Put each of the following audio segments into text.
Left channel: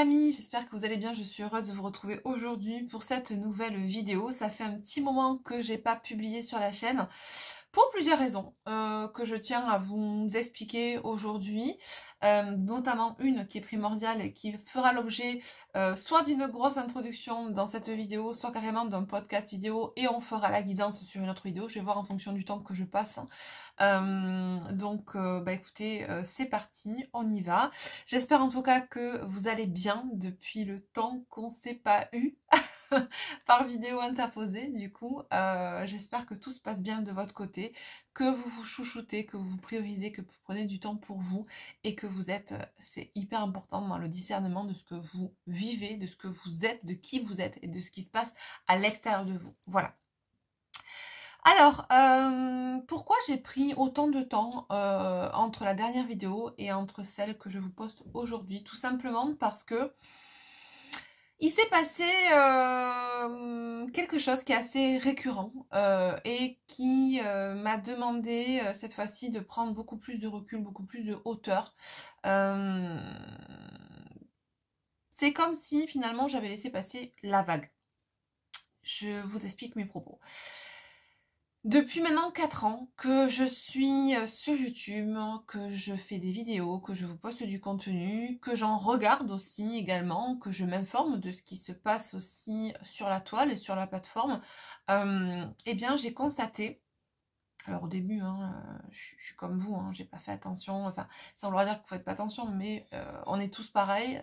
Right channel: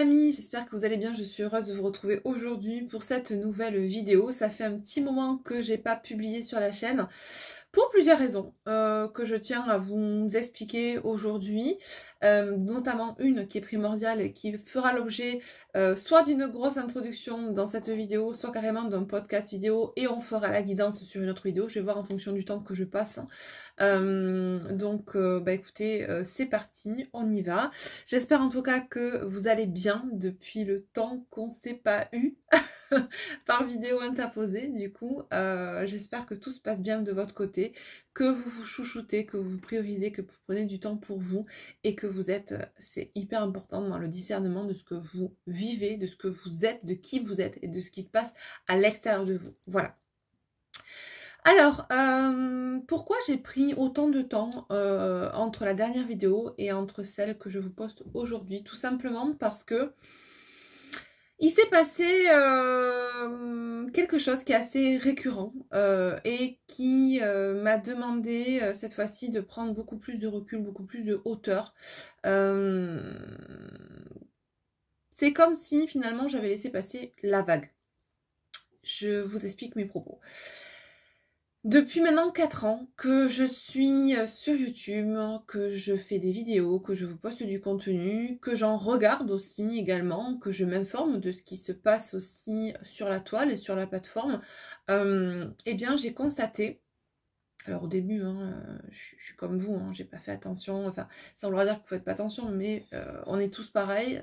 amis, j'espère que vous allez bien, je suis heureuse de vous retrouver aujourd'hui pour cette nouvelle vidéo. Ça fait un petit moment que j'ai pas publié sur la chaîne pour plusieurs raisons que je tiens à vous expliquer aujourd'hui, notamment une qui est primordiale et qui fera l'objet soit d'une grosse introduction dans cette vidéo, soit carrément d'un podcast vidéo et on fera la guidance sur une autre vidéo. Je vais voir en fonction du temps que je passe. Écoutez, c'est parti, on y va. J'espère en tout cas que vous allez bien depuis le temps qu'on ne s'est pas eu par vidéo interposée. Du coup, j'espère que tout se passe bien de votre côté, que vous vous chouchoutez, que vous vous priorisez, que vous prenez du temps pour vous et que vous êtes, c'est hyper important dans le discernement de ce que vous vivez, de ce que vous êtes, de qui vous êtes et de ce qui se passe à l'extérieur de vous. Voilà. Alors, pourquoi j'ai pris autant de temps entre la dernière vidéo et entre celle que je vous poste aujourd'hui? Tout simplement parce que il s'est passé quelque chose qui est assez récurrent et qui m'a demandé cette fois-ci de prendre beaucoup plus de recul, beaucoup plus de hauteur. C'est comme si finalement j'avais laissé passer la vague. Je vous explique mes propos. Depuis maintenant 4 ans que je suis sur YouTube, que je fais des vidéos, que je vous poste du contenu, que j'en regarde aussi également, que je m'informe de ce qui se passe aussi sur la toile et sur la plateforme, eh bien j'ai constaté, alors au début, je suis comme vous, j'ai pas fait attention, enfin ça veut dire que vous faites pas attention, mais on est tous pareils.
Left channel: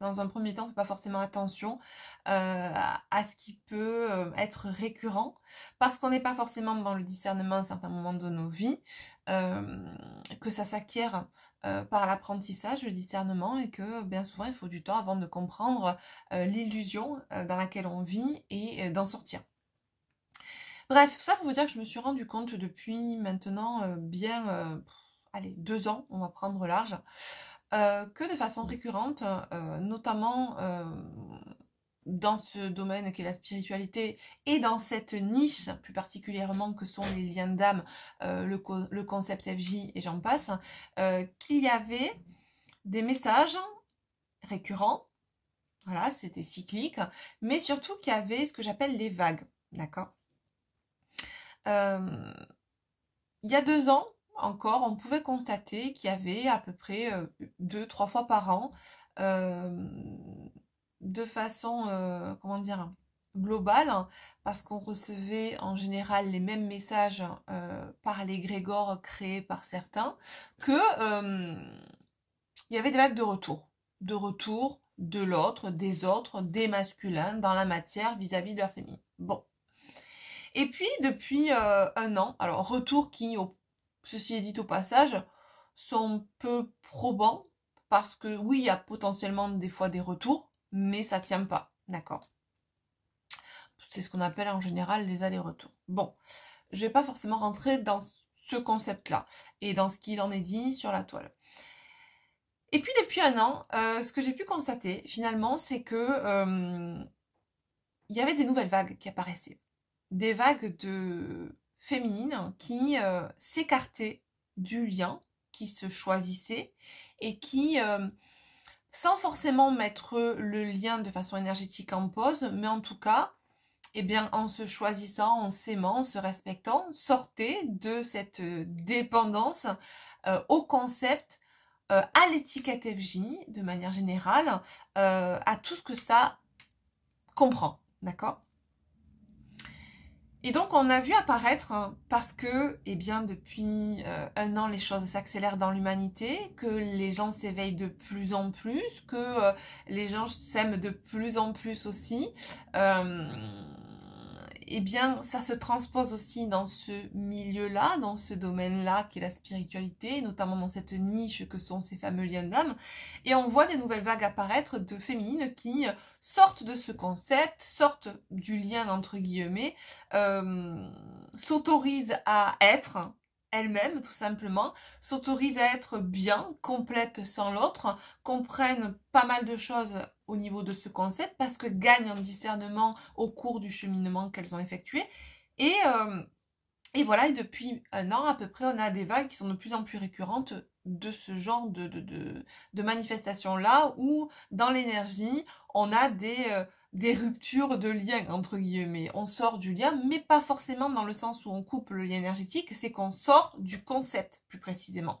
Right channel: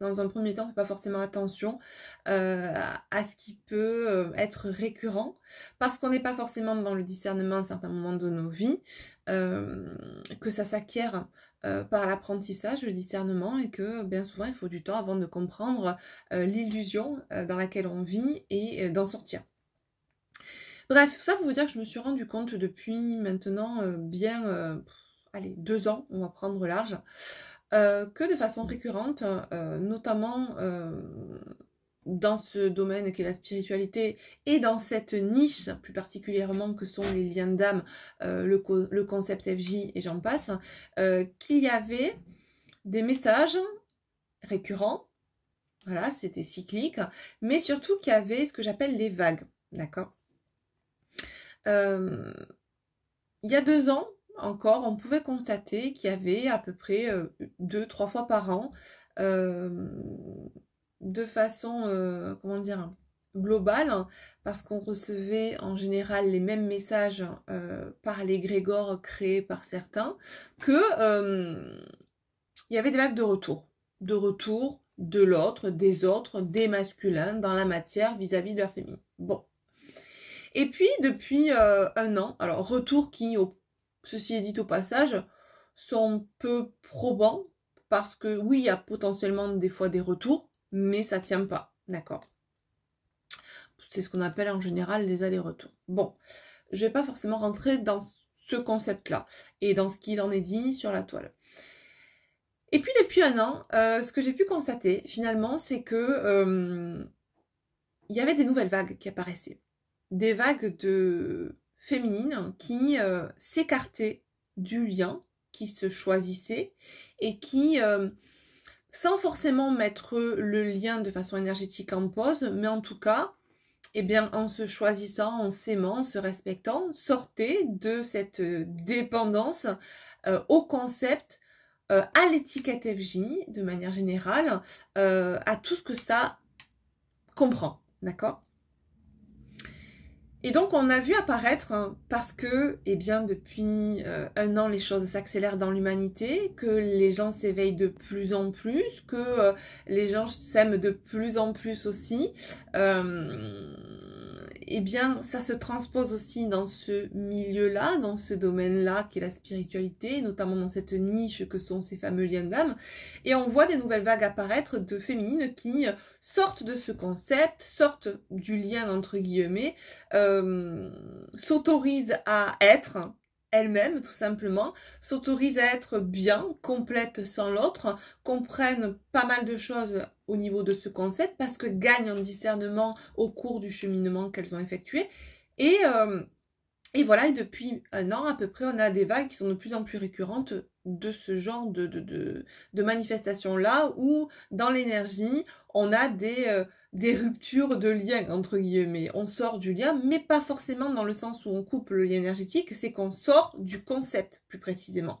Dans un premier temps, on ne fait pas forcément attention à ce qui peut être récurrent, parce qu'on n'est pas forcément dans le discernement à un certain moment de nos vies, que ça s'acquiert par l'apprentissage, le discernement, et que bien souvent il faut du temps avant de comprendre l'illusion dans laquelle on vit et d'en sortir. Bref, tout ça pour vous dire que je me suis rendu compte depuis maintenant allez, 2 ans, on va prendre large, que de façon récurrente, notamment dans ce domaine qu'est la spiritualité et dans cette niche plus particulièrement que sont les liens d'âme, le concept FJ et j'en passe, qu'il y avait des messages récurrents, voilà, c'était cyclique, mais surtout qu'il y avait ce que j'appelle les vagues, d'accord ? Il y a 2 ans encore, on pouvait constater qu'il y avait à peu près 2-3 fois par an, de façon, comment dire, globale, parce qu'on recevait en général les mêmes messages par l'égrégore créé par certains, que il y avait des vagues de retour de l'autre, des autres, des masculins dans la matière vis-à-vis de leur féminin. Bon. Et puis, depuis 1 an, alors retours qui, ceci est dit au passage, sont peu probants, parce que oui, il y a potentiellement des fois des retours, mais ça ne tient pas, d'accord? C'est ce qu'on appelle en général les allers-retours. Bon, je ne vais pas forcément rentrer dans ce concept-là, et dans ce qu'il en est dit sur la toile. Et puis, depuis 1 an, ce que j'ai pu constater, finalement, c'est que il y avait des nouvelles vagues qui apparaissaient. Des vagues de féminines qui s'écartaient du lien, qui se choisissaient et qui, sans forcément mettre le lien de façon énergétique en pause, mais en tout cas, eh bien, en se choisissant, en s'aimant, en se respectant, sortaient de cette dépendance au concept, à l'étiquette FJ, de manière générale, à tout ce que ça comprend, d'accord ? Et donc, on a vu apparaître, parce que, eh bien, depuis 1 an, les choses s'accélèrent dans l'humanité, que les gens s'éveillent de plus en plus, que les gens s'aiment de plus en plus aussi, eh bien, ça se transpose aussi dans ce milieu-là, dans ce domaine-là qui est la spiritualité, notamment dans cette niche que sont ces fameux liens d'âme. Et on voit des nouvelles vagues apparaître de féminines qui sortent de ce concept, sortent du lien entre guillemets, s'autorisent à être elles-mêmes tout simplement, s'autorisent à être bien, complètes sans l'autre, comprennent pas mal de choses au niveau de ce concept parce que gagnent en discernement au cours du cheminement qu'elles ont effectué et Et voilà, et depuis un an à peu près, on a des vagues qui sont de plus en plus récurrentes de ce genre de manifestations-là, où dans l'énergie, on a des ruptures de lien, entre guillemets. On sort du lien, mais pas forcément dans le sens où on coupe le lien énergétique, c'est qu'on sort du concept, plus précisément.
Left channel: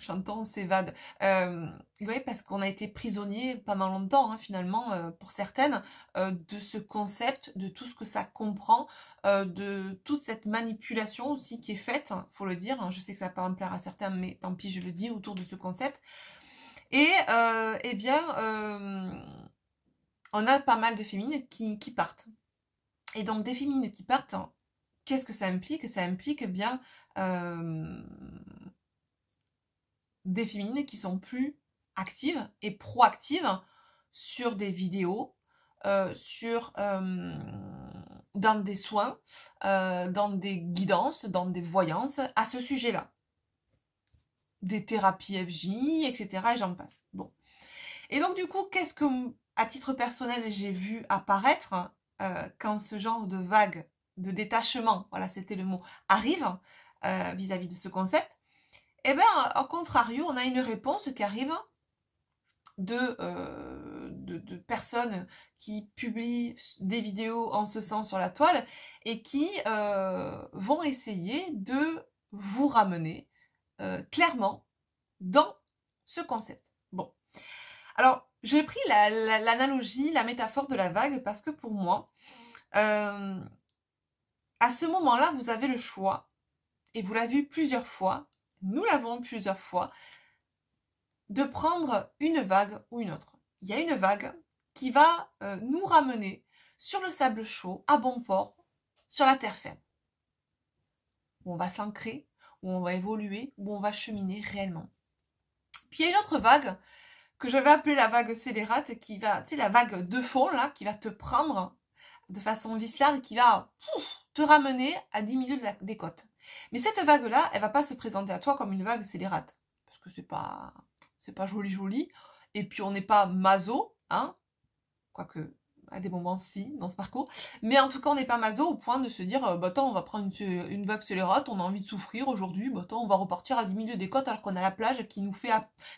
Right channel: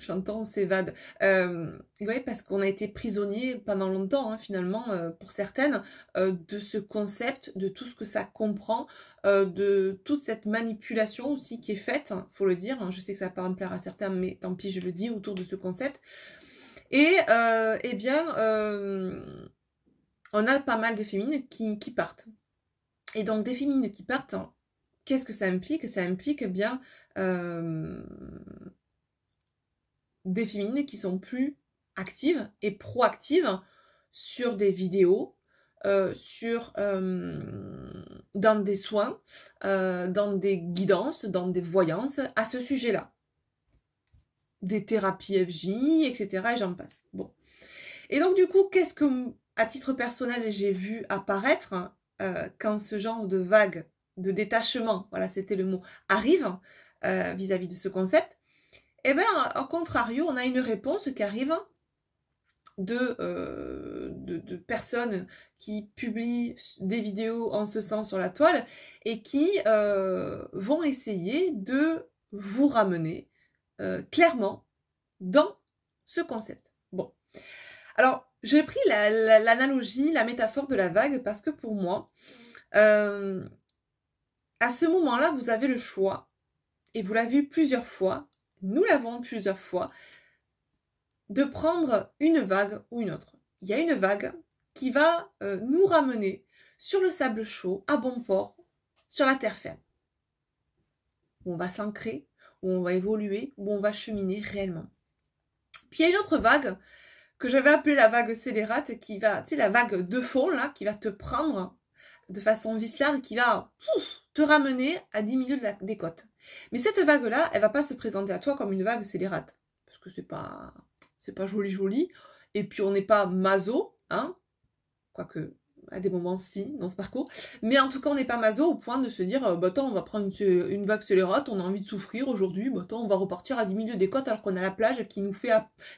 J'entends, on s'évade. Oui, parce qu'on a été prisonnier pendant longtemps, hein, finalement, pour certaines, de ce concept, de tout ce que ça comprend, de toute cette manipulation aussi qui est faite, hein, faut le dire. Hein, je sais que ça va pas me plaire à certains, mais tant pis, je le dis, autour de ce concept. Et eh bien, on a pas mal de féminines qui partent. Et donc, des féminines qui partent, hein, qu'est-ce que ça implique? Ça implique bien des féminines qui sont plus actives et proactives sur des vidéos, dans des soins, dans des guidances, dans des voyances à ce sujet-là. Des thérapies FJ, etc. et j'en passe. Bon. Et donc du coup, qu'est-ce que, à titre personnel, j'ai vu apparaître quand ce genre de vague, de détachement, voilà, c'était le mot, arrive vis-à-vis de ce concept? Eh bien, au contrario, on a une réponse qui arrive de personnes qui publient des vidéos en ce sens sur la toile et qui vont essayer de vous ramener clairement dans ce concept. Bon, alors j'ai pris l'analogie, la métaphore de la vague parce que pour moi, à ce moment-là, vous avez le choix, et vous l'avez vu plusieurs fois, nous l'avons plusieurs fois, de prendre une vague ou une autre. Il y a une vague qui va nous ramener sur le sable chaud, à bon port, sur la terre ferme, où on va s'ancrer, où on va évoluer, où on va cheminer réellement. Puis il y a une autre vague que je vais appeler la vague scélérate, qui va, tu sais, la vague de fond, là, qui va te prendre de façon viscérale, qui va te ramener à 10 minutes des côtes. Mais cette vague-là, elle va pas se présenter à toi comme une vague scélérate, parce que c'est pas joli, et puis on n'est pas maso, hein, quoique à des moments si, dans ce parcours, mais en tout cas on n'est pas maso au point de se dire, bah attends, on va prendre une vague scélérate, on a envie de souffrir aujourd'hui, bah attends, on va repartir à 10 minutes des côtes alors qu'on a la plage qui nous fait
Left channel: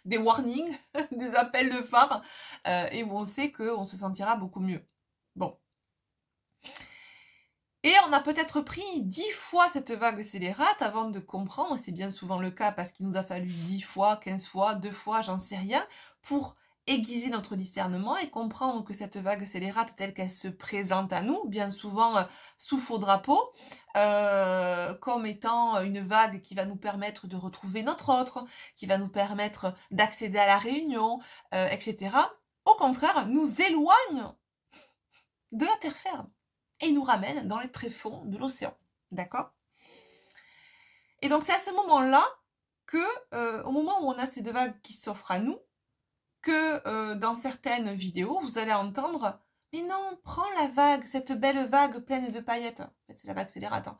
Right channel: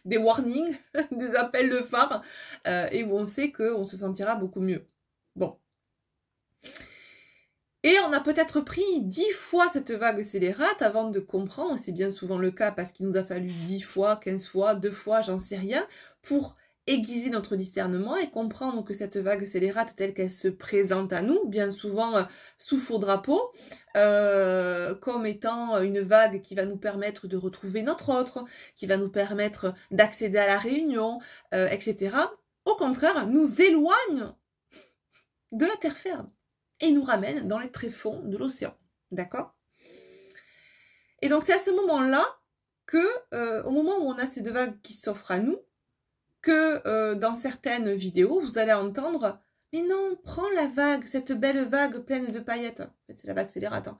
des warnings, des appels de phare, et où on sait qu'on se sentira beaucoup mieux. Bon. Et on a peut-être pris 10 fois cette vague scélérate avant de comprendre, c'est bien souvent le cas parce qu'il nous a fallu 10 fois, 15 fois, 2 fois, j'en sais rien, pour aiguiser notre discernement et comprendre que cette vague scélérate telle qu'elle se présente à nous, bien souvent sous faux drapeau, comme étant une vague qui va nous permettre de retrouver notre autre, qui va nous permettre d'accéder à la réunion, etc. Au contraire, nous éloigne de la terre ferme et nous ramène dans les tréfonds de l'océan. D'accord? Et donc c'est à ce moment-là que, au moment où on a ces deux vagues qui s'offrent à nous, que dans certaines vidéos, vous allez entendre « Mais non, prends la vague, cette belle vague pleine de paillettes. » En fait, c'est la vague scélérate. Hein.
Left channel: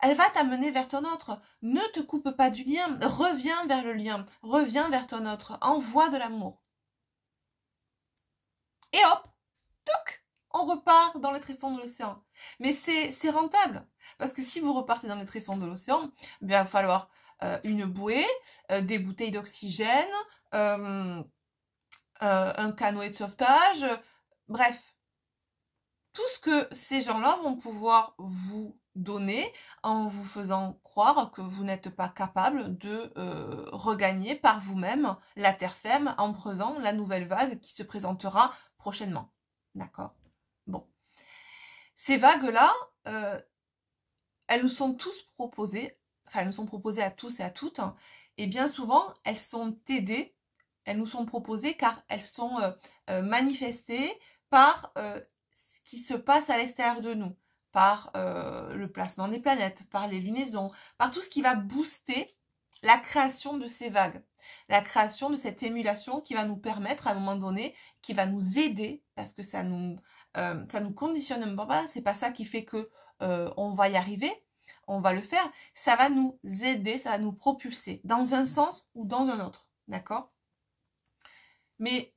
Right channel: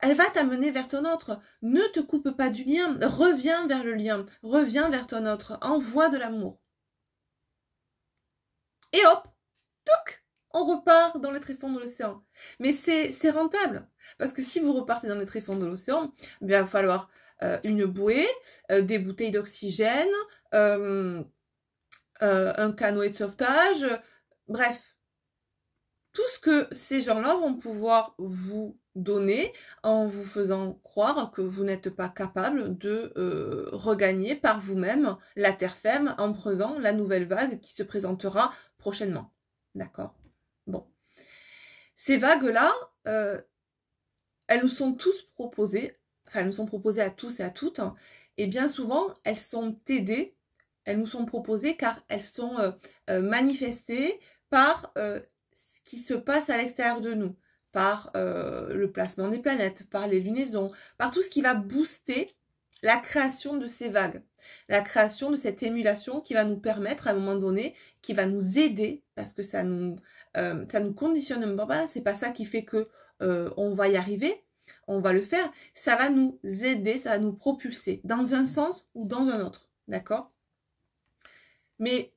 Elle va t'amener vers ton autre. Ne te coupe pas du lien. Reviens vers le lien. Reviens vers ton autre. Envoie de l'amour. Et hop, touc, on repart dans les tréfonds de l'océan. Mais c'est rentable. Parce que si vous repartez dans les tréfonds de l'océan, il va falloir une bouée, des bouteilles d'oxygène, un canoë de sauvetage, bref. Tout ce que ces gens-là vont pouvoir vous donner en vous faisant croire que vous n'êtes pas capable de regagner par vous-même la terre ferme en prenant la nouvelle vague qui se présentera prochainement. D'accord? Bon. Ces vagues-là, elles nous sont tous proposées, enfin elles nous sont proposées à tous et à toutes, et bien souvent elles sont aidées, elles nous sont proposées car elles sont manifestées par ce qui se passe à l'extérieur de nous, par le placement des planètes, par les lunaisons, par tout ce qui va booster la création de ces vagues, la création de cette émulation qui va nous permettre à un moment donné, qui va nous aider, parce que ça nous conditionne pas, c'est pas ça qui fait que on va y arriver, on va le faire, ça va nous aider, ça va nous propulser dans un sens ou dans un autre, d'accord? Mais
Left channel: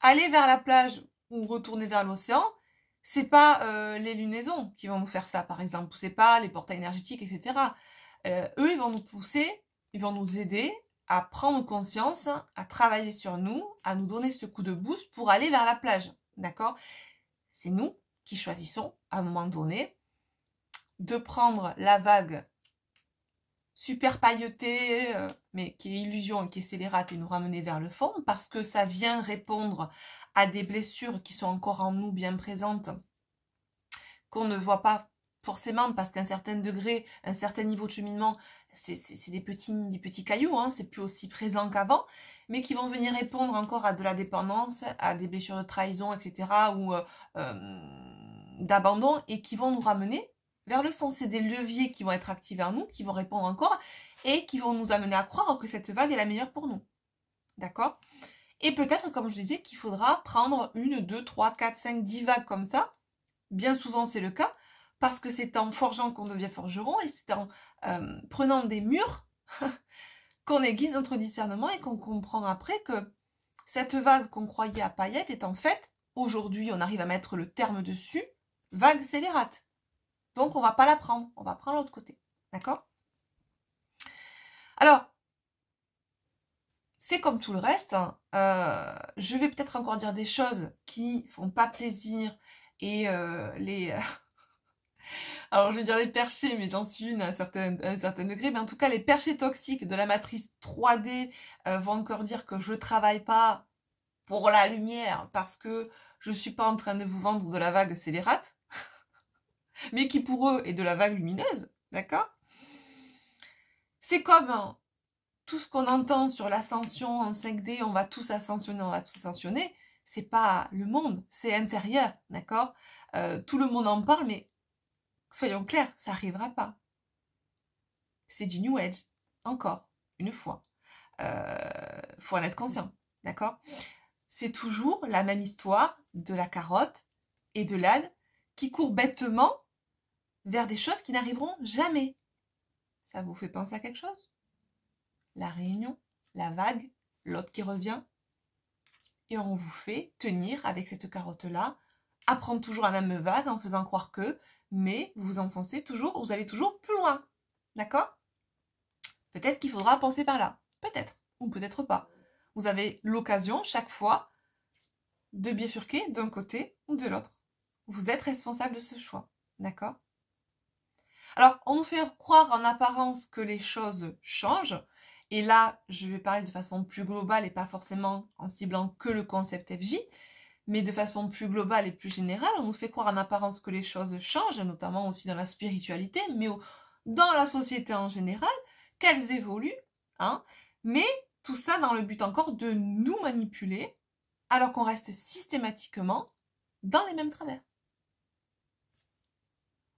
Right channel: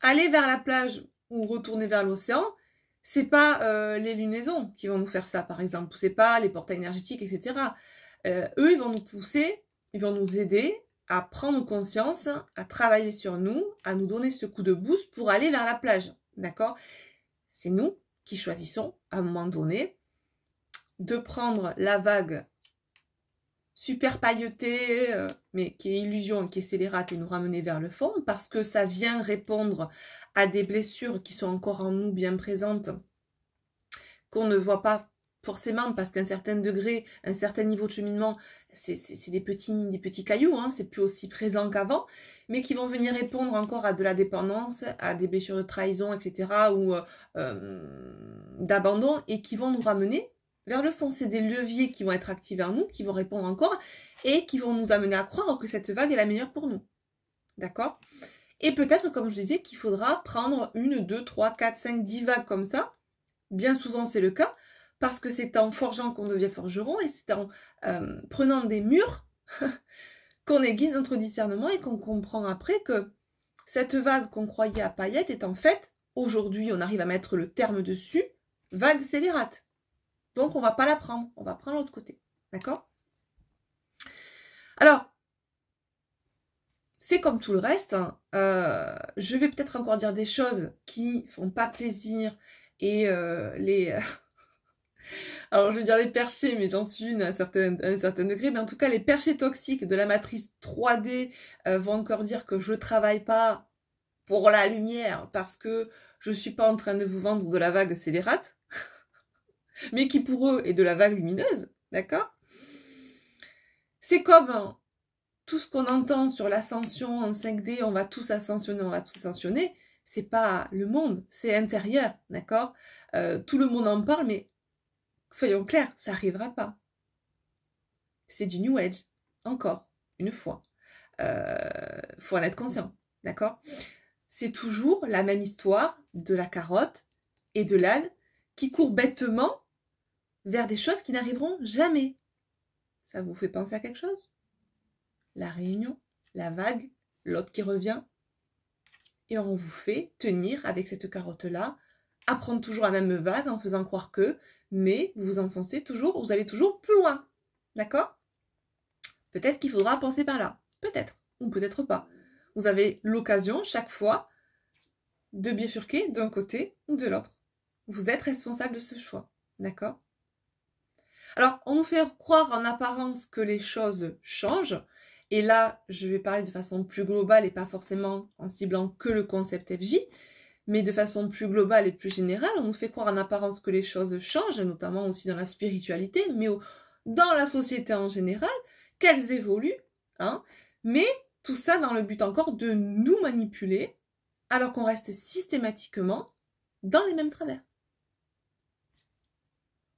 aller vers la plage ou retourner vers l'océan, c'est pas les lunaisons qui vont nous faire ça, par exemple, ou c'est pas les portails énergétiques, etc. Eux, ils vont nous pousser, ils vont nous aider à prendre conscience, à travailler sur nous, à nous donner ce coup de boost pour aller vers la plage, d'accord? C'est nous qui choisissons, à un moment donné, de prendre la vague super pailletée, mais qui est illusion et qui est scélérate et nous ramener vers le fond, parce que ça vient répondre à des blessures qui sont encore en nous bien présentes, qu'on ne voit pas forcément, parce qu'à un certain degré, un certain niveau de cheminement, c'est des petits cailloux, hein, c'est plus aussi présent qu'avant, mais qui vont venir répondre encore à de la dépendance, à des blessures de trahison, etc., ou d'abandon, et qui vont nous ramener vers le fond. C'est des leviers qui vont être activés en nous, qui vont répondre encore, et qui vont nous amener à croire que cette vague est la meilleure pour nous. D'accord? Et peut-être, comme je disais, qu'il faudra prendre 1, 2, 3, 4, 5, 10 vagues comme ça. Bien souvent, c'est le cas, parce que c'est en forgeant qu'on devient forgeron, et c'est en prenant des murs qu'on aiguise notre discernement et qu'on comprend après que cette vague qu'on croyait à paillettes est en fait, aujourd'hui, on arrive à mettre le terme dessus, vague scélérate. Donc, on ne va pas la prendre, on va prendre l'autre côté. D'accord? Alors, c'est comme tout le reste. Je vais peut-être encore dire des choses qui ne font pas plaisir et alors, je vais dire les perchés, mais j'en suis une à un certain degré. Mais en tout cas, les perchés toxiques de la matrice 3D vont encore dire que je ne travaille pas pour la lumière parce que je ne suis pas en train de vous vendre de la vague scélérate, mais qui pour eux est de la vague lumineuse, d'accord? C'est comme tout ce qu'on entend sur l'ascension en 5D, on va tous ascensionner, c'est pas le monde, c'est intérieur, d'accord? Tout le monde en parle, mais soyons clairs, ça n'arrivera pas. C'est du New Age, encore, une fois. Faut en être conscient, d'accord? C'est toujours la même histoire de la carotte et de l'âne qui courent bêtement vers des choses qui n'arriveront jamais. Ça vous fait penser à quelque chose? La réunion, la vague, l'autre qui revient. Et on vous fait tenir avec cette carotte-là, à prendre toujours la même vague en faisant croire que, mais vous enfoncez toujours, vous allez toujours plus loin. D'accord? Peut-être qu'il faudra penser par là. Peut-être, ou peut-être pas. Vous avez l'occasion, chaque fois, de bifurquer d'un côté ou de l'autre. Vous êtes responsable de ce choix. D'accord? Alors, on nous fait croire en apparence que les choses changent. Et là, je vais parler de façon plus globale et pas forcément en ciblant que le concept FJ, mais de façon plus globale et plus générale. On nous fait croire en apparence que les choses changent, notamment aussi dans la spiritualité, mais dans la société en général, qu'elles évoluent, hein, mais tout ça dans le but encore de nous manipuler, alors qu'on reste systématiquement dans les mêmes travers.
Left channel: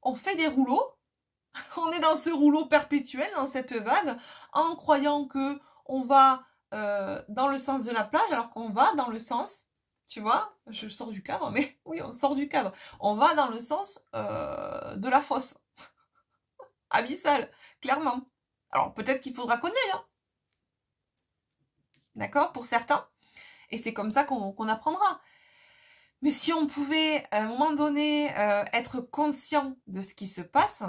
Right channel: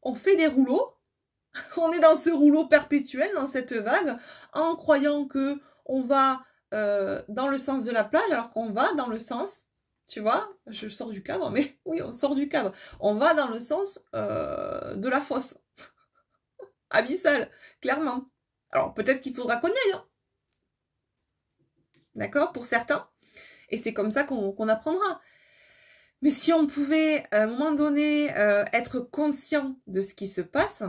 On fait des rouleaux, on est dans ce rouleau perpétuel, dans cette vague, en croyant que on va dans le sens de la plage, alors qu'on va dans le sens, tu vois, je sors du cadre, mais oui, on sort du cadre. On va dans le sens de la fosse. Abyssale, clairement. Alors, peut-être qu'il faudra qu'on y aille, hein. D'accord? Pour certains. Et c'est comme ça qu'on apprendra. Mais si on pouvait, à un moment donné, être conscient de ce qui se passe,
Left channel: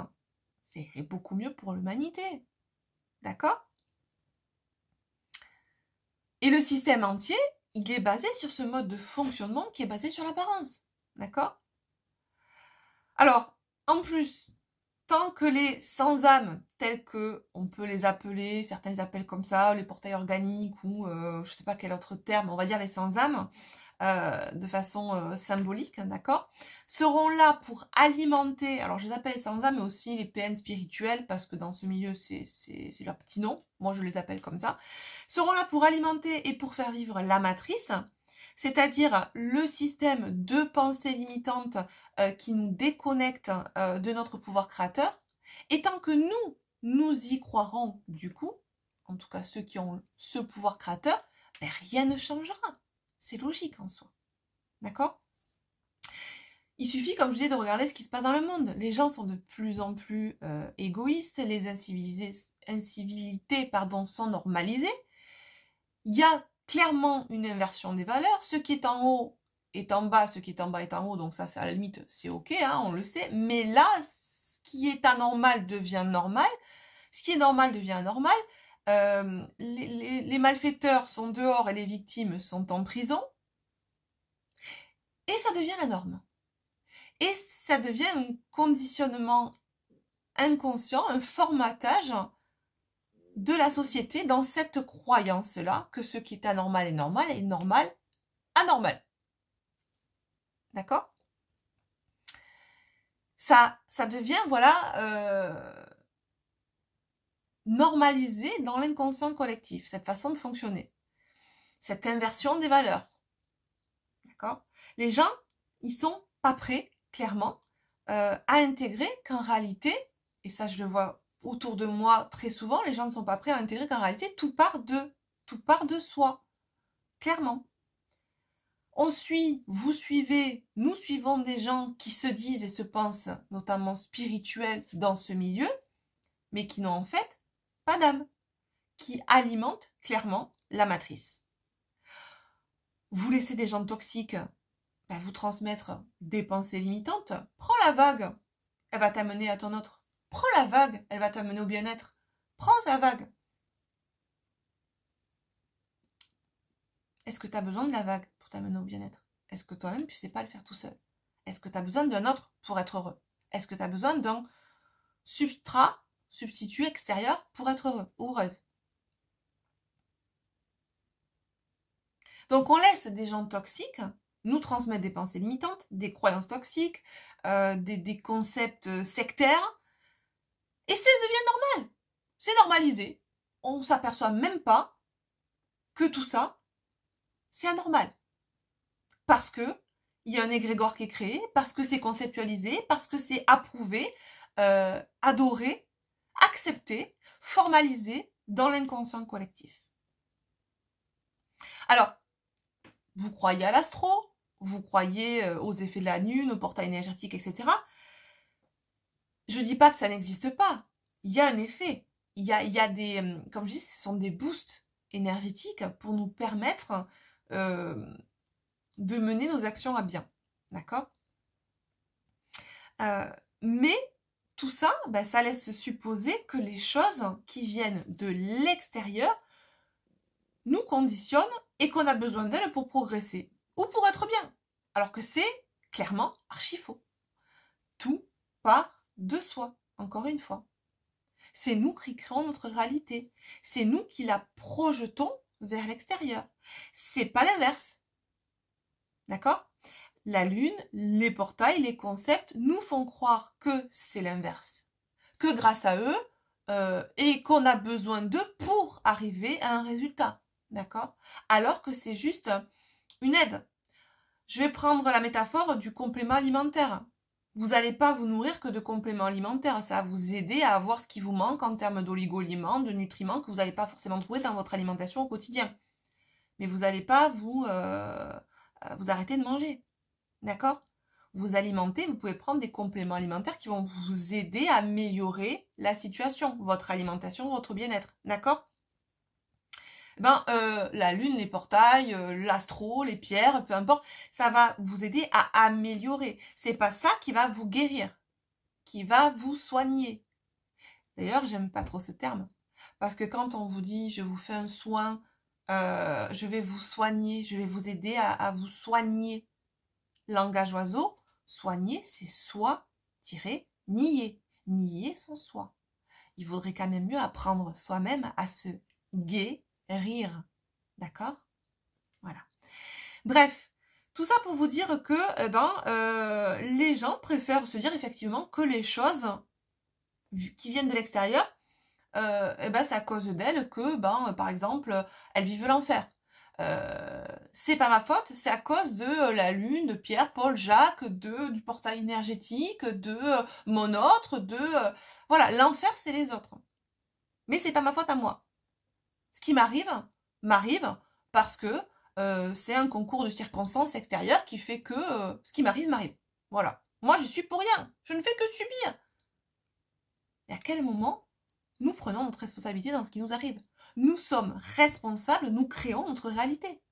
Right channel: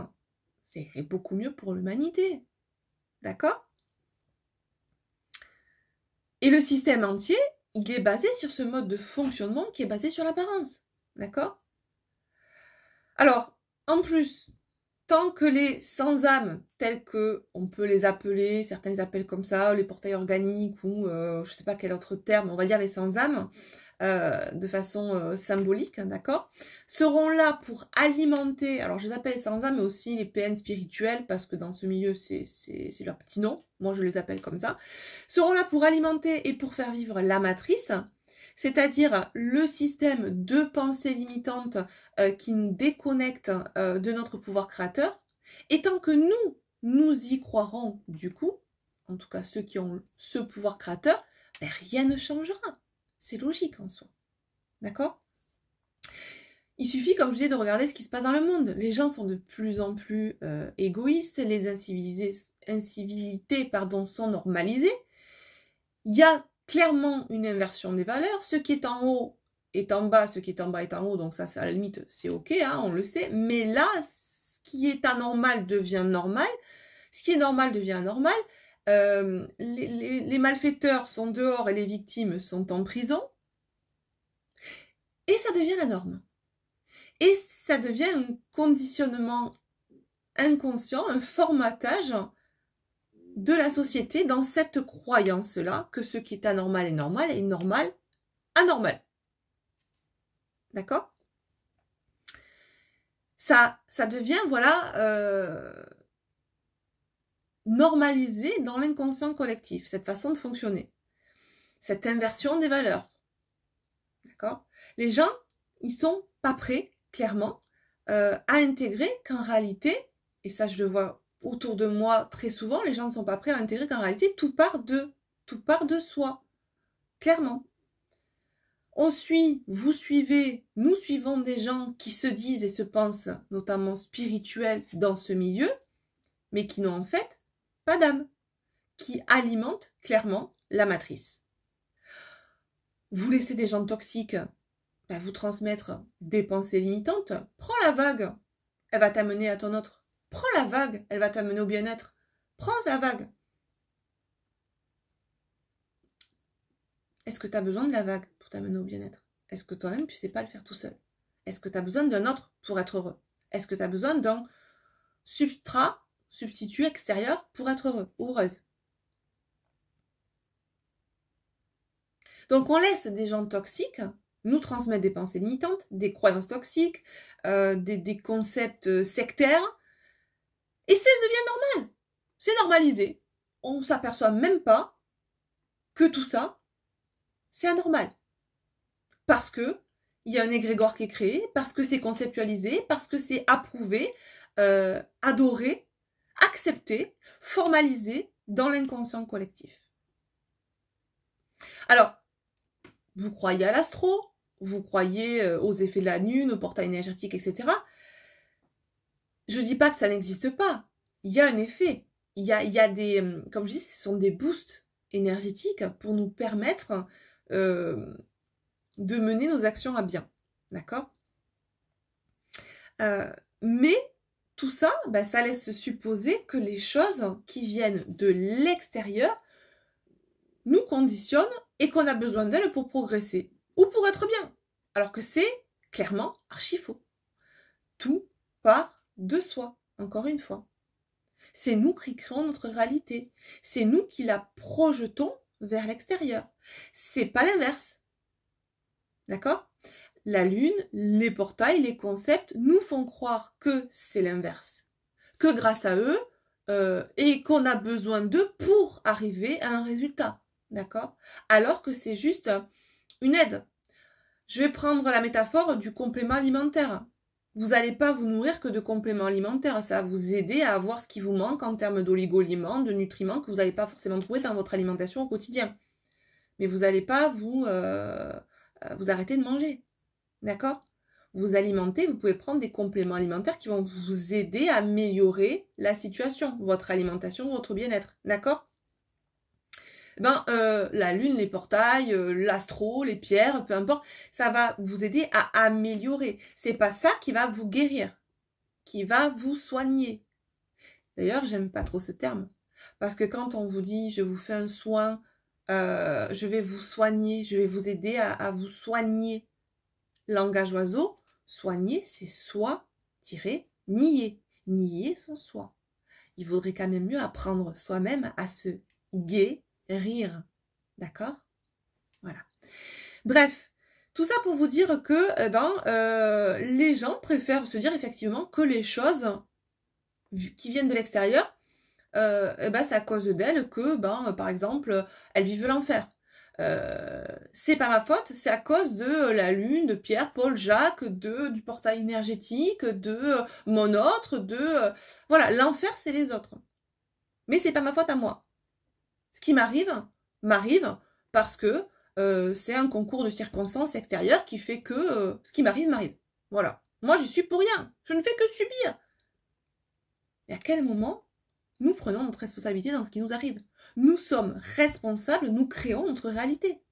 c'est beaucoup mieux pour l'humanité. D'accord? Et le système entier, il est basé sur ce mode de fonctionnement qui est basé sur l'apparence. D'accord? Alors, en plus, tant que les sans-âme, tels que on peut les appeler, certains les appellent comme ça, les portails organiques ou je ne sais pas quel autre terme, on va dire les sans-âme, de façon symbolique, d'accord, seront là pour alimenter, alors je les appelle les sans-âme, mais aussi les PN spirituels, parce que dans ce milieu, c'est leur petit nom, moi je les appelle comme ça, seront là pour alimenter et pour faire vivre la matrice, c'est-à-dire le système de pensée limitante qui nous déconnecte de notre pouvoir créateur, et tant que nous y croirons du coup, en tout cas ceux qui ont ce pouvoir créateur, ben rien ne changera. C'est logique en soi. D'accord? Il suffit, comme je disais, de regarder ce qui se passe dans le monde. Les gens sont de plus en plus égoïstes, les incivilités sont normalisées. Il y a clairement une inversion des valeurs. Ce qui est en haut est en bas, ce qui est en bas est en haut, donc ça, à la limite, c'est ok, hein, on le sait. Mais là, ce qui est anormal devient normal, ce qui est normal devient anormal. Les malfaiteurs sont dehors et les victimes sont en prison. Et ça devient la norme. Et ça devient un conditionnement inconscient, un formatage de la société dans cette croyance-là que ce qui est anormal est normal et normal, anormal. D'accord? Ça devient, voilà, normalisé dans l'inconscient collectif, cette façon de fonctionner, cette inversion des valeurs. D'accord? Les gens, ils sont pas prêts, clairement, à intégrer qu'en réalité, et ça je le vois autour de moi très souvent, les gens ne sont pas prêts à intégrer qu'en réalité, tout part de soi, clairement. Vous suivez, nous suivons des gens qui se disent et se pensent, notamment spirituels dans ce milieu, mais qui n'ont en fait pas d'âme, qui alimentent clairement la matrice. Vous laissez des gens toxiques vous transmettre des pensées limitantes, prends la vague, elle va t'amener à ton autre. Prends la vague, elle va t'amener au bien-être. Prends la vague. Est-ce que tu as besoin de la vague pour t'amener au bien-être? Est-ce que toi-même, tu ne sais pas le faire tout seul? Est-ce que tu as besoin d'un autre pour être heureux? Est-ce que tu as besoin d'un substitut extérieur pour être heureux ou heureuse? Donc, on laisse des gens toxiques nous transmettre des pensées limitantes, des croyances toxiques, des concepts sectaires. Et ça devient normal. C'est normalisé. On ne s'aperçoit même pas que tout ça, c'est anormal. Parce que il y a un égrégore qui est créé, parce que c'est conceptualisé, parce que c'est approuvé, adoré, accepté, formalisé dans l'inconscient collectif. Alors, vous croyez à l'astro, vous croyez aux effets de la lune, aux portails énergétiques, etc. Je ne dis pas que ça n'existe pas. Il y a un effet. Il y a des, comme je dis, ce sont des boosts énergétiques pour nous permettre de mener nos actions à bien. D'accord? Mais tout ça, ça laisse supposer que les choses qui viennent de l'extérieur nous conditionnent et qu'on a besoin d'elles pour progresser ou pour être bien. Alors que c'est clairement archi faux. Tout part de soi, encore une fois. C'est nous qui créons notre réalité. C'est nous qui la projetons vers l'extérieur. C'est pas l'inverse. D'accord? La lune, les portails, les concepts nous font croire que c'est l'inverse. Que grâce à eux, et qu'on a besoin d'eux pour arriver à un résultat. D'accord? Alors que c'est juste une aide. Je vais prendre la métaphore du complément alimentaire. Vous n'allez pas vous nourrir que de compléments alimentaires. Ça va vous aider à avoir ce qui vous manque en termes d'oligo-éléments, de nutriments que vous n'allez pas forcément trouver dans votre alimentation au quotidien. Mais vous n'allez pas vous arrêter de manger. D'accord? Vous alimentez, vous pouvez prendre des compléments alimentaires qui vont vous aider à améliorer la situation, votre alimentation, votre bien-être. D'accord? La lune, les portails, l'astro, les pierres, peu importe, ça va vous aider à améliorer. C'est pas ça qui va vous guérir, qui va vous soigner. D'ailleurs, j'aime pas trop ce terme, parce que quand on vous dit je vous fais un soin, je vais vous soigner, je vais vous aider à vous soigner. Langage oiseau, soigner, c'est soi-nier. Nier son soi. Il vaudrait quand même mieux apprendre soi-même à se guérir. D'accord? Voilà. Bref, tout ça pour vous dire que les gens préfèrent se dire effectivement que les choses qui viennent de l'extérieur, c'est à cause d'elles que, par exemple, elles vivent l'enfer. C'est pas ma faute, c'est à cause de la lune, de Pierre, Paul, Jacques, du portail énergétique, de mon autre, voilà, l'enfer c'est les autres. Mais c'est pas ma faute à moi. Ce qui m'arrive parce que c'est un concours de circonstances extérieures qui fait que ce qui m'arrive m'arrive. Voilà. Moi je suis pour rien, je ne fais que subir. Et à quel moment nous prenons notre responsabilité dans ce qui nous arrive? Nous sommes responsables, nous créons notre réalité.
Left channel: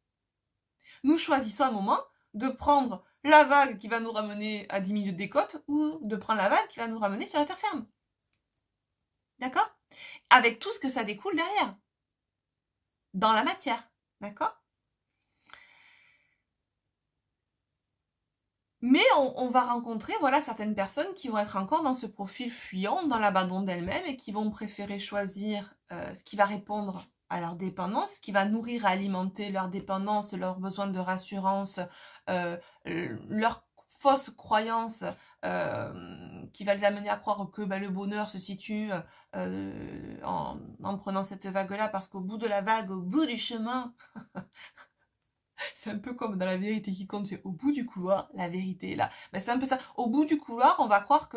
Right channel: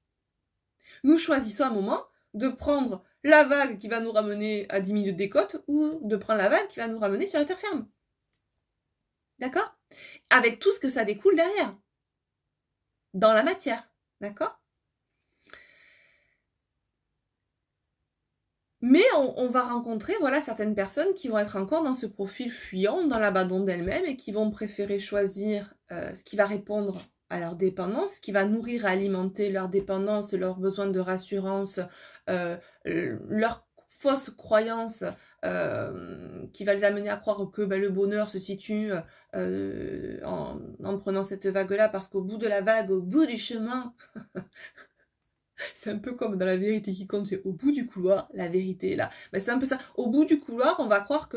Nous choisissons un moment de prendre la vague qui va nous ramener à 10 minutes des côtes ou de prendre la vague qui va nous ramener sur la terre ferme. D'accord? Avec tout ce que ça découle derrière. Dans la matière. D'accord? Mais on va rencontrer voilà, certaines personnes qui vont être encore dans ce profil fuyant, dans l'abandon d'elles-mêmes et qui vont préférer choisir ce qui va répondre à leur dépendance, ce qui va nourrir, alimenter leur dépendance, leur besoin de rassurance, leur fausse croyance qui va les amener à croire que le bonheur se situe en prenant cette vague-là, parce qu'au bout de la vague, au bout du chemin... C'est un peu comme dans La vérité qui compte, c'est au bout du couloir, la vérité est là. Ben, c'est un peu ça. Au bout du couloir, on va croire que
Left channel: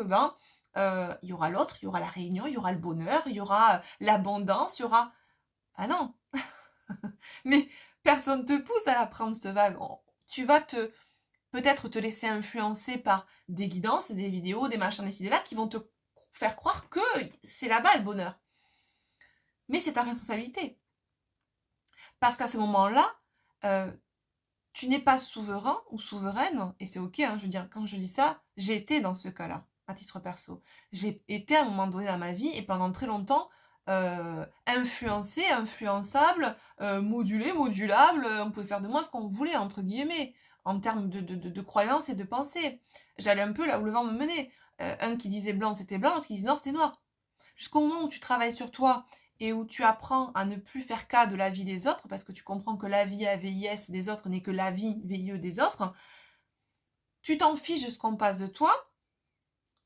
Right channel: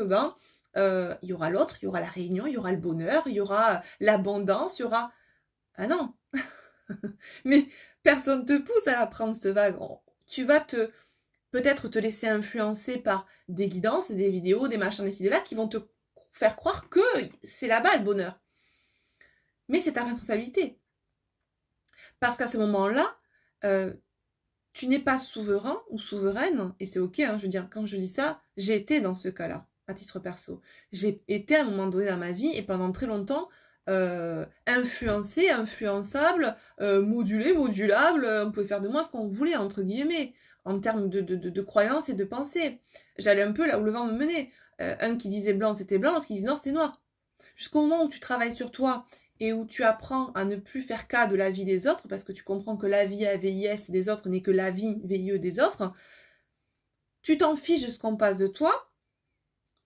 il y aura l'autre, il y aura la réunion, il y aura le bonheur, il y aura l'abondance, il y aura... Ah non. Mais personne ne te pousse à la prendre, cette vague. Tu vas peut-être te laisser influencer par des guidances, des vidéos, des machins, des idées-là qui vont te faire croire que c'est là-bas le bonheur. Mais c'est ta responsabilité. Parce qu'à ce moment-là, tu n'es pas souverain ou souveraine, et c'est ok, hein, je veux dire, quand je dis ça, j'ai été dans ce cas-là, à titre perso. J'ai été à un moment donné dans ma vie, et pendant très longtemps, influencée, influençable, modulée, modulable, on pouvait faire de moi ce qu'on voulait, entre guillemets, en termes de croyances et de pensée. J'allais un peu là où le vent me menait. Un qui disait blanc, c'était blanc, l'autre qui disait noir, c'était noir. Jusqu'au moment où tu travailles sur toi, et où tu apprends à ne plus faire cas de la vie des autres, parce que tu comprends que la vie AVIS des autres n'est que la vie VIE des autres, tu t'en fiches de ce qu'on passe de toi,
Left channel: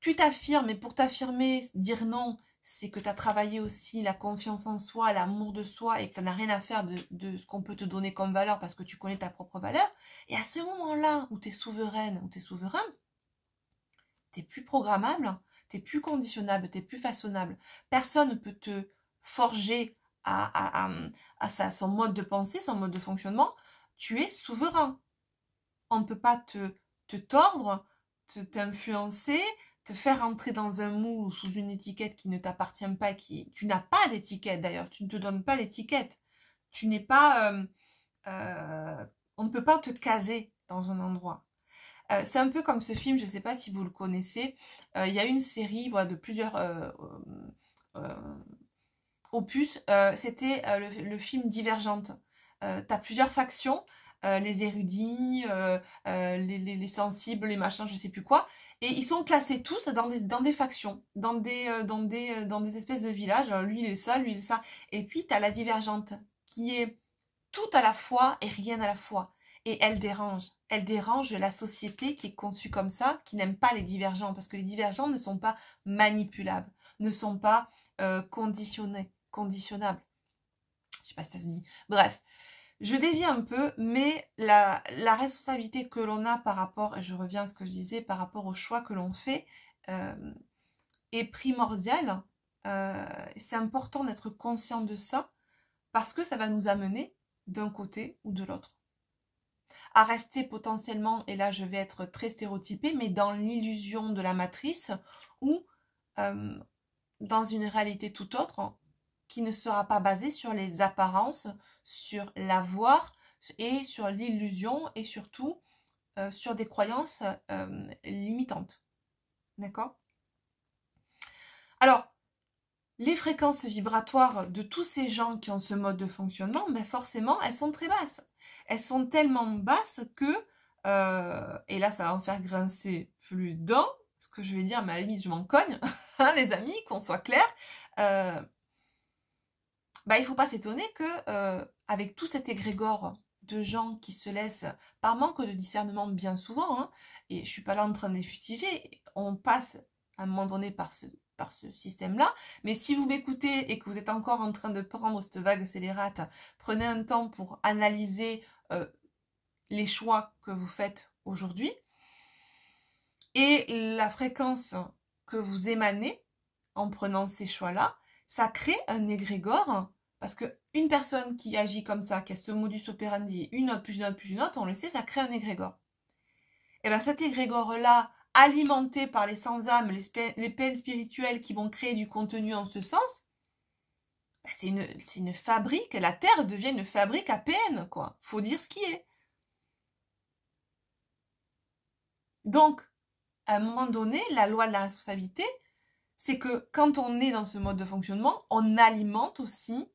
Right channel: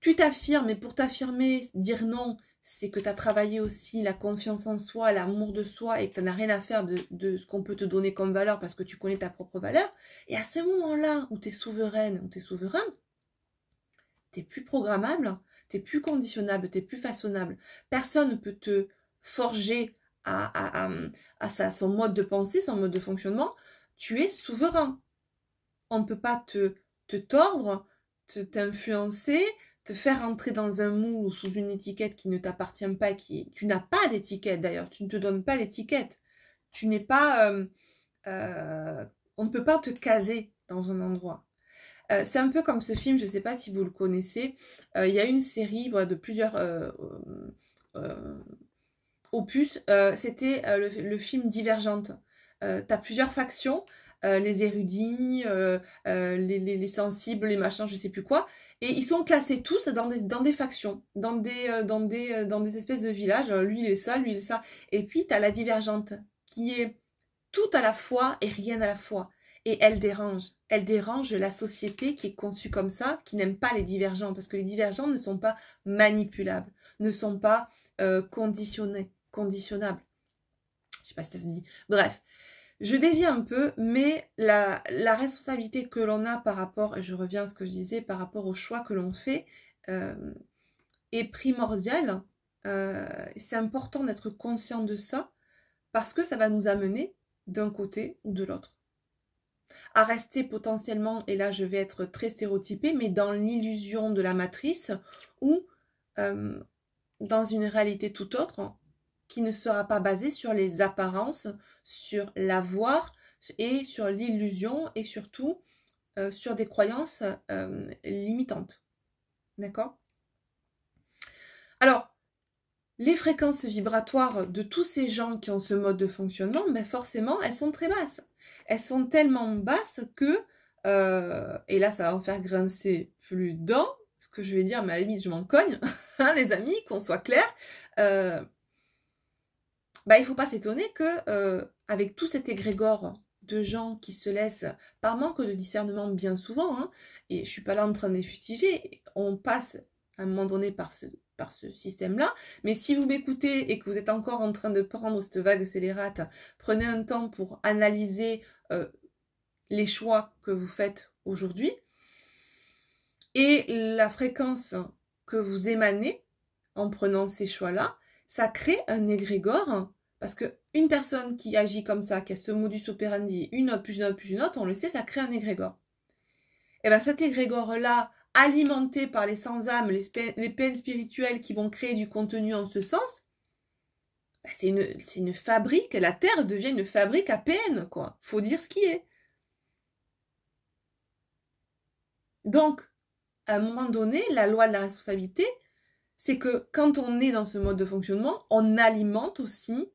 tu t'affirmes, et pour t'affirmer, dire non, c'est que tu as travaillé aussi la confiance en soi, l'amour de soi, et que tu n'as rien à faire de ce qu'on peut te donner comme valeur, parce que tu connais ta propre valeur, et à ce moment-là où tu es souveraine, où tu es souverain, tu n'es plus programmable, tu n'es plus conditionnable, tu n'es plus façonnable. Personne ne peut te forger à son mode de pensée, son mode de fonctionnement. Tu es souverain. On ne peut pas te tordre, t'influencer, te faire entrer dans un moule ou sous une étiquette qui ne t'appartient pas. Tu n'as pas d'étiquette d'ailleurs, tu ne te donnes pas d'étiquette. Tu n'es pas... on ne peut pas te caser dans un endroit. C'est un peu comme ce film, je ne sais pas si vous le connaissez. Il y a une série voilà, de plusieurs... opus, c'était le film Divergente. Tu as plusieurs factions, les érudits, les sensibles, les machins, je sais plus quoi, et ils sont classés tous dans des factions, dans des espèces de villages. Lui il est ça, lui il est ça, et puis tu as la Divergente qui est tout à la fois et rien à la fois. Et elle dérange la société qui est conçue comme ça, qui n'aime pas les divergents, parce que les divergents ne sont pas manipulables, ne sont pas conditionnables. Je sais pas si ça se dit. Bref, je dévie un peu, mais la responsabilité que l'on a par rapport, et je reviens à ce que je disais, par rapport au choix que l'on fait, est primordiale. C'est important d'être conscient de ça, parce que ça va nous amener d'un côté ou de l'autre. À rester potentiellement, et là je vais être très stéréotypée, mais dans l'illusion de la matrice, ou dans une réalité tout autre, qui ne sera pas basée sur les apparences, sur l'avoir, et sur l'illusion, et surtout sur des croyances limitantes. D'accord? Alors, les fréquences vibratoires de tous ces gens qui ont ce mode de fonctionnement, ben forcément, elles sont très basses. Elles sont tellement basses que, et là ça va en faire grincer plus d'un, ce que je vais dire, mais à la limite je m'en cogne, hein, les amis, qu'on soit clair, il ne faut pas s'étonner que avec tout cet égrégore de gens qui se laissent, par manque de discernement bien souvent, hein, et je ne suis pas là en train de les fustiger, on passe à un moment donné par ce système-là, mais si vous m'écoutez et que vous êtes encore en train de prendre cette vague scélérate, prenez un temps pour analyser les choix que vous faites aujourd'hui et la fréquence que vous émanez en prenant ces choix-là, ça crée un égrégore, parce qu'une personne qui agit comme ça, qui a ce modus operandi, une autre, plus une autre, plus une autre, on le sait, ça crée un égrégore. Et bien cet égrégore-là, alimenté par les sans-âmes, les peines spirituelles qui vont créer du contenu en ce sens, ben c'est une fabrique, la Terre devient une fabrique à PN, quoi. Faut dire ce qui est. Donc, à un moment donné, la loi de la responsabilité, c'est que quand on est dans ce mode de fonctionnement, on alimente aussi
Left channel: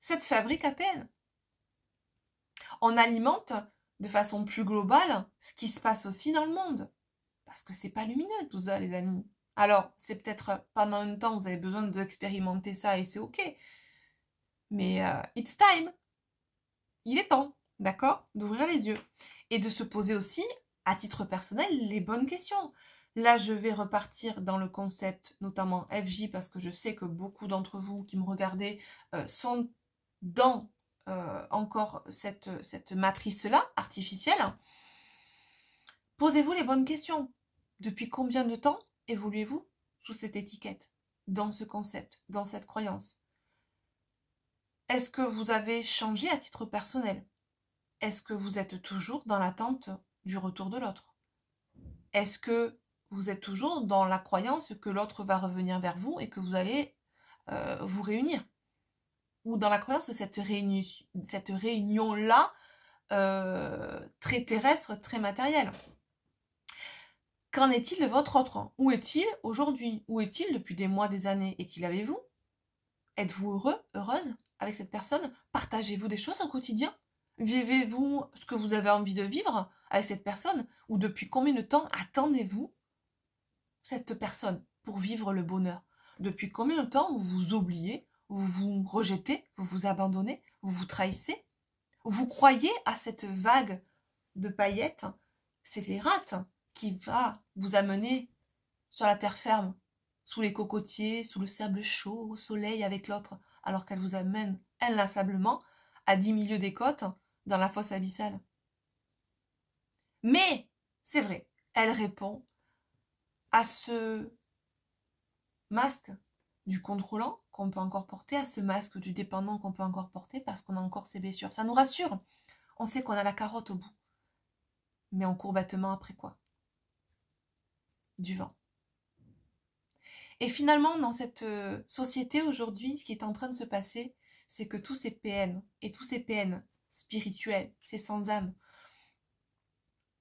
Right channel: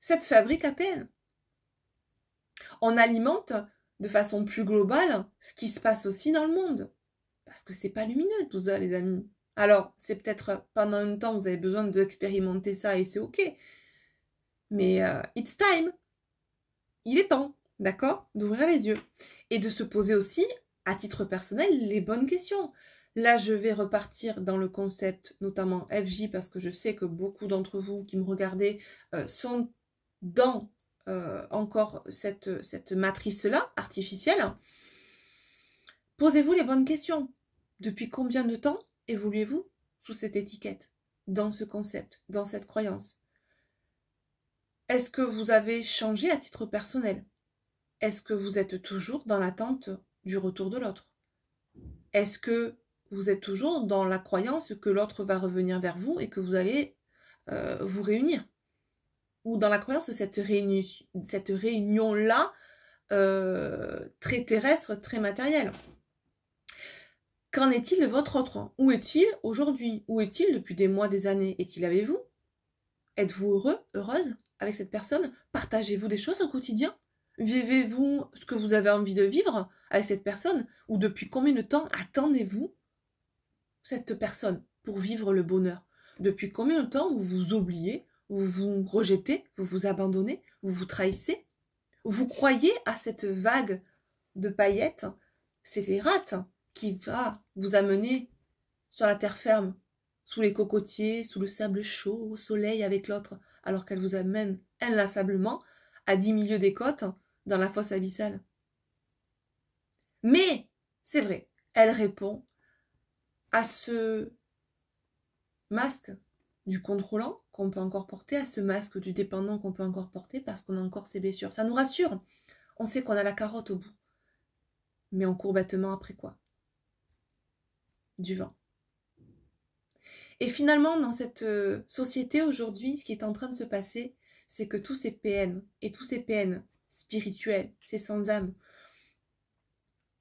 cette fabrique APN. On alimente de façon plus globale ce qui se passe aussi dans le monde. Parce que c'est pas lumineux tout ça, les amis. Alors, c'est peut-être pendant un temps, vous avez besoin d'expérimenter ça et c'est ok. Mais it's time. Il est temps, d'accord, d'ouvrir les yeux. Et de se poser aussi, à titre personnel, les bonnes questions. Là, je vais repartir dans le concept, notamment FJ, parce que je sais que beaucoup d'entre vous qui me regardez sont dans encore cette matrice-là, artificielle. Posez-vous les bonnes questions. Depuis combien de temps évoluez-vous sous cette étiquette, dans ce concept, dans cette croyance? Est-ce que vous avez changé à titre personnel? Est-ce que vous êtes toujours dans l'attente du retour de l'autre? Est-ce que vous êtes toujours dans la croyance que l'autre va revenir vers vous et que vous allez vous réunir? Ou dans la croyance de cette réunion-là, très terrestre, très matérielle? Qu'en est-il de votre autre? Où est-il aujourd'hui? Où est-il depuis des mois, des années? Est-il avec vous? Êtes-vous heureux, heureuse avec cette personne? Partagez-vous des choses au quotidien? Vivez-vous ce que vous avez envie de vivre avec cette personne? Ou depuis combien de temps attendez-vous cette personne pour vivre le bonheur? Depuis combien de temps vous vous oubliez, vous vous rejetez, vous vous abandonnez, vous vous trahissez? Vous croyez à cette vague de paillettes scélérates qui va vous amener sur la terre ferme, sous les cocotiers, sous le sable chaud, au soleil avec l'autre, alors qu'elle vous amène inlassablement à 10 milieux des côtes dans la fosse abyssale. Mais, c'est vrai, elle répond à ce masque du contrôlant qu'on peut encore porter, à ce masque du dépendant qu'on peut encore porter parce qu'on a encore ses blessures. Ça nous rassure. On sait qu'on a la carotte au bout. Mais on court bêtement après quoi? Du vent. Et finalement, dans cette société aujourd'hui, ce qui est en train de se passer, c'est que tous ces PN, et tous ces PN spirituels, ces sans âme,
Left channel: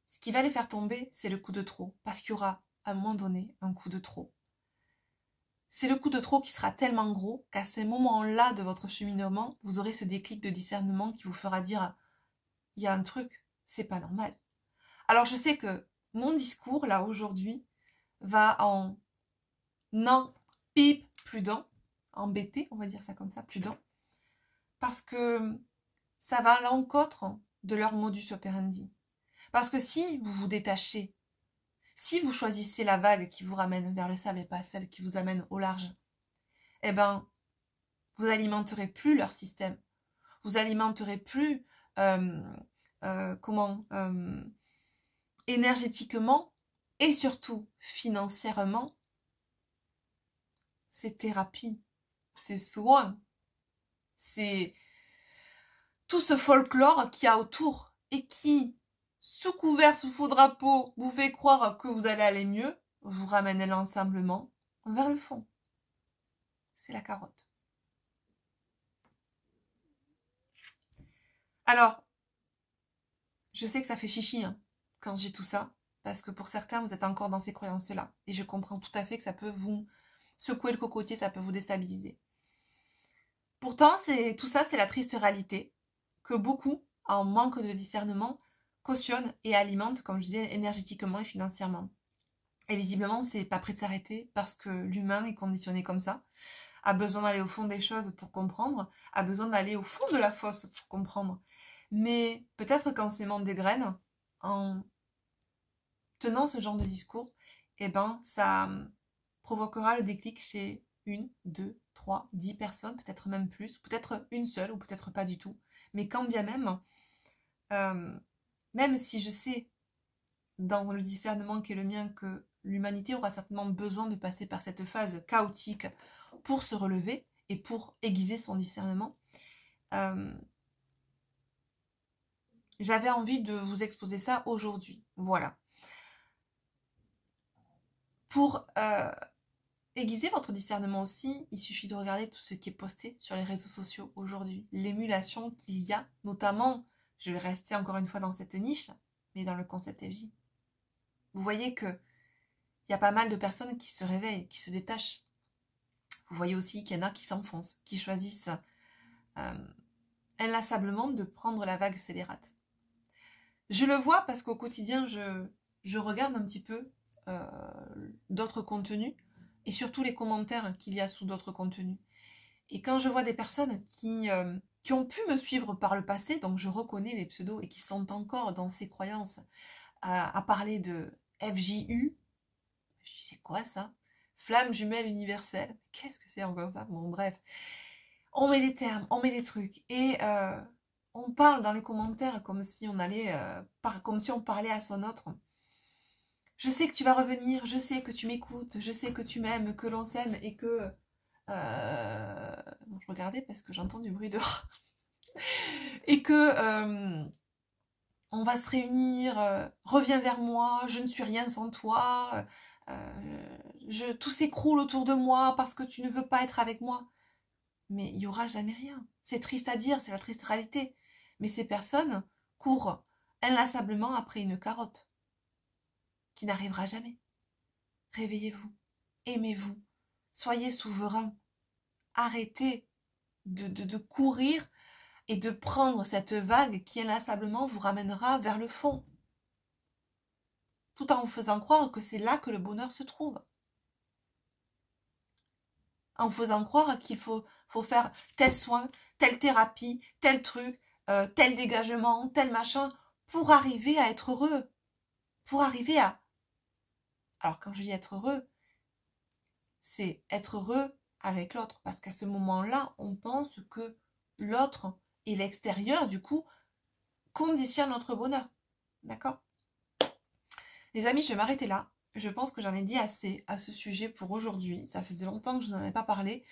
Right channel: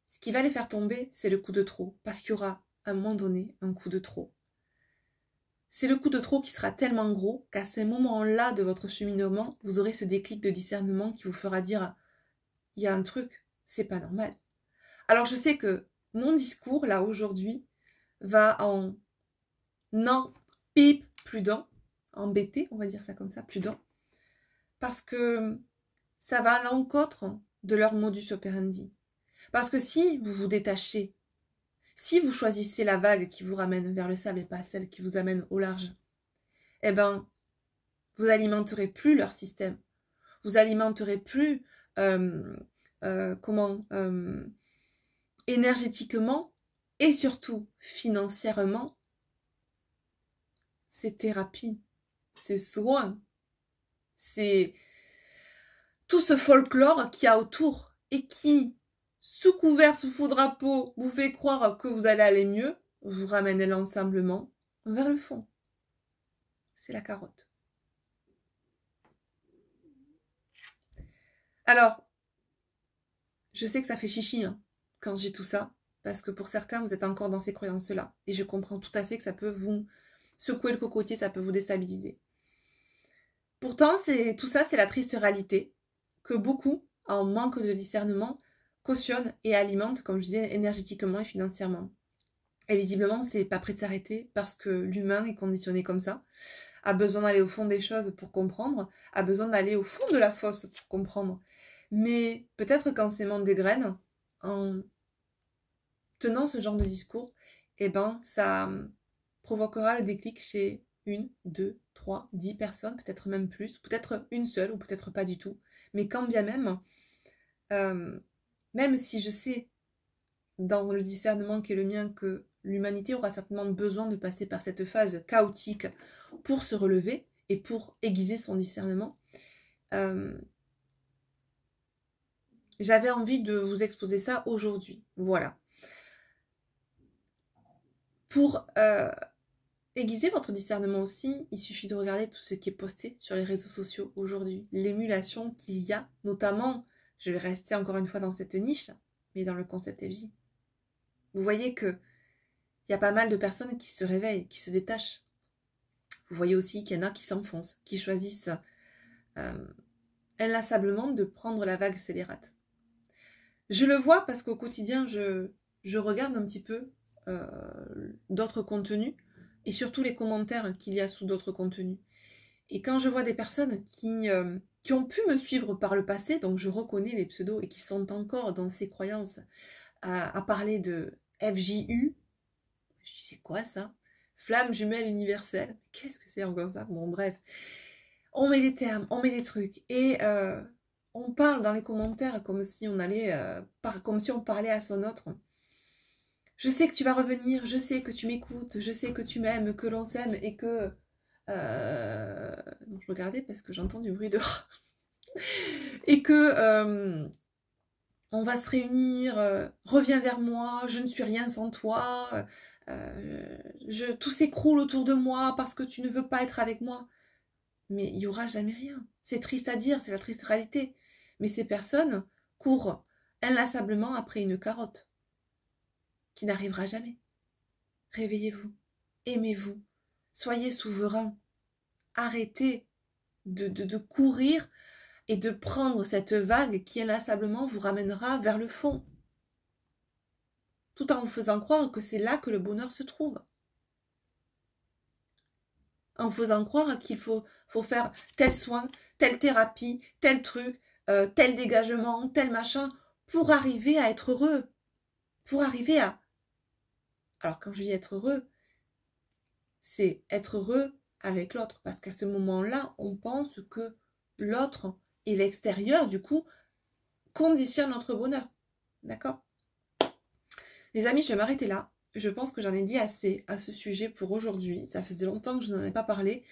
ce qui va les faire tomber, c'est le coup de trop. Parce qu'il y aura, à un moment donné, un coup de trop. C'est le coup de trop qui sera tellement gros qu'à ce moment-là de votre cheminement, vous aurez ce déclic de discernement qui vous fera dire « il y a un truc, c'est pas normal ». Alors je sais que mon discours, là, aujourd'hui, va en non, pip, plus d'un, embêté, on va dire ça comme ça, plus d'un, parce que ça va à l'encontre de leur modus operandi. Parce que si vous vous détachez, si vous choisissez la vague qui vous ramène vers le sable et pas celle qui vous amène au large, eh ben, vous alimenterez plus leur système. Vous alimenterez plus, énergétiquement et surtout financièrement, ces thérapies, ces soins, c'est tout ce folklore qu'il y a autour et qui, sous couvert, sous faux drapeau, vous fait croire que vous allez aller mieux, vous ramène l'ensemblement vers le fond. C'est la carotte. Alors, je sais que ça fait chichi hein, quand j'ai tout ça, parce que pour certains, vous êtes encore dans ces croyances-là. Et je comprends tout à fait que ça peut vous secouer le cocotier, ça peut vous déstabiliser. Pourtant, tout ça, c'est la triste réalité que beaucoup, en manque de discernement, cautionnent et alimentent, comme je disais, énergétiquement et financièrement. Et visiblement, c'est pas prêt de s'arrêter parce que l'humain est conditionné comme ça, a besoin d'aller au fond des choses pour comprendre, a besoin d'aller au fond de la fosse pour comprendre. Mais peut-être qu'en s'aimant des graines, en tenant ce genre de discours, eh ben, ça provoquera le déclic chez 1, 2, 3, 10 personnes, peut-être même plus, peut-être une seule ou peut-être pas du tout. Mais quand bien même, même si je sais dans le discernement qui est le mien que l'humanité aura certainement besoin de passer par cette phase chaotique pour se relever et pour aiguiser son discernement, j'avais envie de vous exposer ça aujourd'hui. Voilà. Pour aiguiser votre discernement aussi, il suffit de regarder tout ce qui est posté sur les réseaux sociaux aujourd'hui. L'émulation qu'il y a, notamment, je vais rester encore une fois dans cette niche, mais dans le concept FJ. Vous voyez qu'il y a pas mal de personnes qui se réveillent, qui se détachent. Vous voyez aussi qu'il y en a qui s'enfoncent, qui choisissent inlassablement de prendre la vague scélérate. Je le vois parce qu'au quotidien, je regarde un petit peu d'autres contenus et surtout les commentaires qu'il y a sous d'autres contenus. Et quand je vois des personnes qui ont pu me suivre par le passé, donc je reconnais les pseudos et qui sont encore dans ces croyances à parler de FJU, je dis c'est quoi ça? Flamme jumelle universelle, qu'est-ce que c'est encore ça? Bon bref, on met des termes, on met des trucs et on parle dans les commentaires comme si on allait, comme si on parlait à son autre. Je sais que tu vas revenir, je sais que tu m'écoutes, je sais que tu m'aimes, que l'on s'aime et que... je regardais parce que j'entends du bruit dehors. Et que on va se réunir, reviens vers moi, je ne suis rien sans toi, tout s'écroule autour de moi parce que tu ne veux pas être avec moi. Mais il n'y aura jamais rien. C'est triste à dire, c'est la triste réalité. Mais ces personnes courent inlassablement après une carotte qui n'arrivera jamais. Réveillez-vous, aimez-vous, soyez souverain. Arrêtez de courir et de prendre cette vague qui inlassablement vous ramènera vers le fond. Tout en vous faisant croire que c'est là que le bonheur se trouve. En faisant croire qu'il faut faire tel soin, telle thérapie, tel truc, tel dégagement, tel machin, pour arriver à être heureux. Pour arriver à... Alors quand je dis être heureux, c'est être heureux avec l'autre. Parce qu'à ce moment-là, on pense que l'autre et l'extérieur, du coup, conditionnent notre bonheur. D'accord? Les amis, je vais m'arrêter là. Je pense que j'en ai dit assez à ce sujet pour aujourd'hui. Ça faisait longtemps que je n'en ai pas parlé.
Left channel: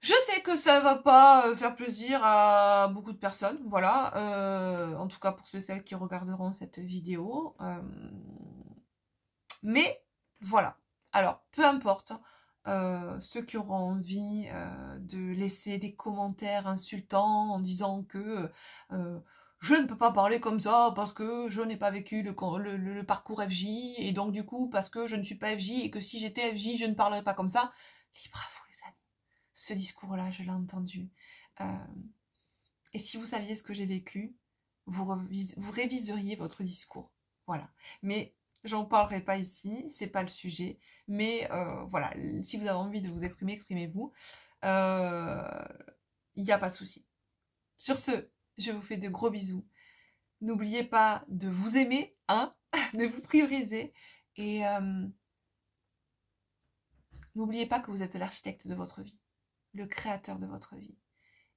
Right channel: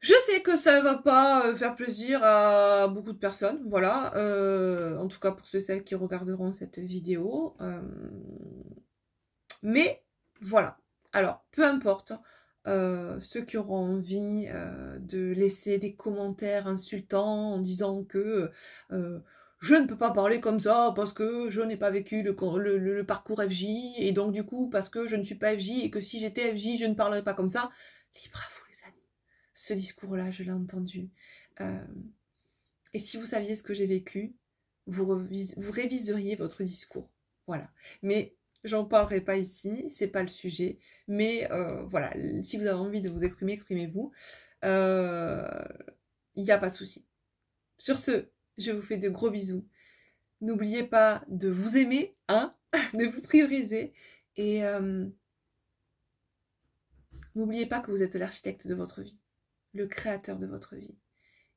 Je sais que ça ne va pas faire plaisir à beaucoup de personnes. Voilà. En tout cas, pour ceux et celles qui regarderont cette vidéo. Mais voilà. Alors, peu importe. Ceux qui auront envie de laisser des commentaires insultants en disant que je ne peux pas parler comme ça parce que je n'ai pas vécu le parcours FJ et donc du coup parce que je ne suis pas FJ et que si j'étais FJ je ne parlerais pas comme ça. Libre à vous les amis. Ce discours-là, je l'ai entendu. Et si vous saviez ce que j'ai vécu, vous réviseriez votre discours. Voilà. Mais j'en parlerai pas ici, c'est pas le sujet. Mais voilà, si vous avez envie de vous exprimer, exprimez-vous. Il n'y a pas de souci. Sur ce, je vous fais de gros bisous. N'oubliez pas de vous aimer, hein, de vous prioriser. Et n'oubliez pas que vous êtes l'architecte de votre vie, le créateur de votre vie.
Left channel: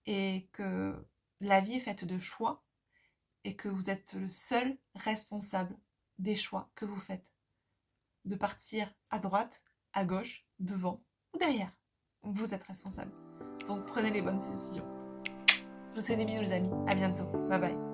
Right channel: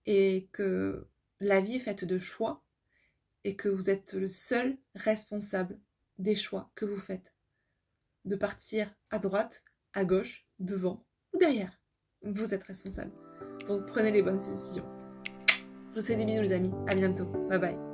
Et que la vie est faite de choix et que vous êtes le seul responsable des choix que vous faites. De partir à droite, à gauche, devant ou derrière. Vous êtes responsable. Donc prenez les bonnes décisions. Je vous fais des bisous les amis. À bientôt. Bye bye.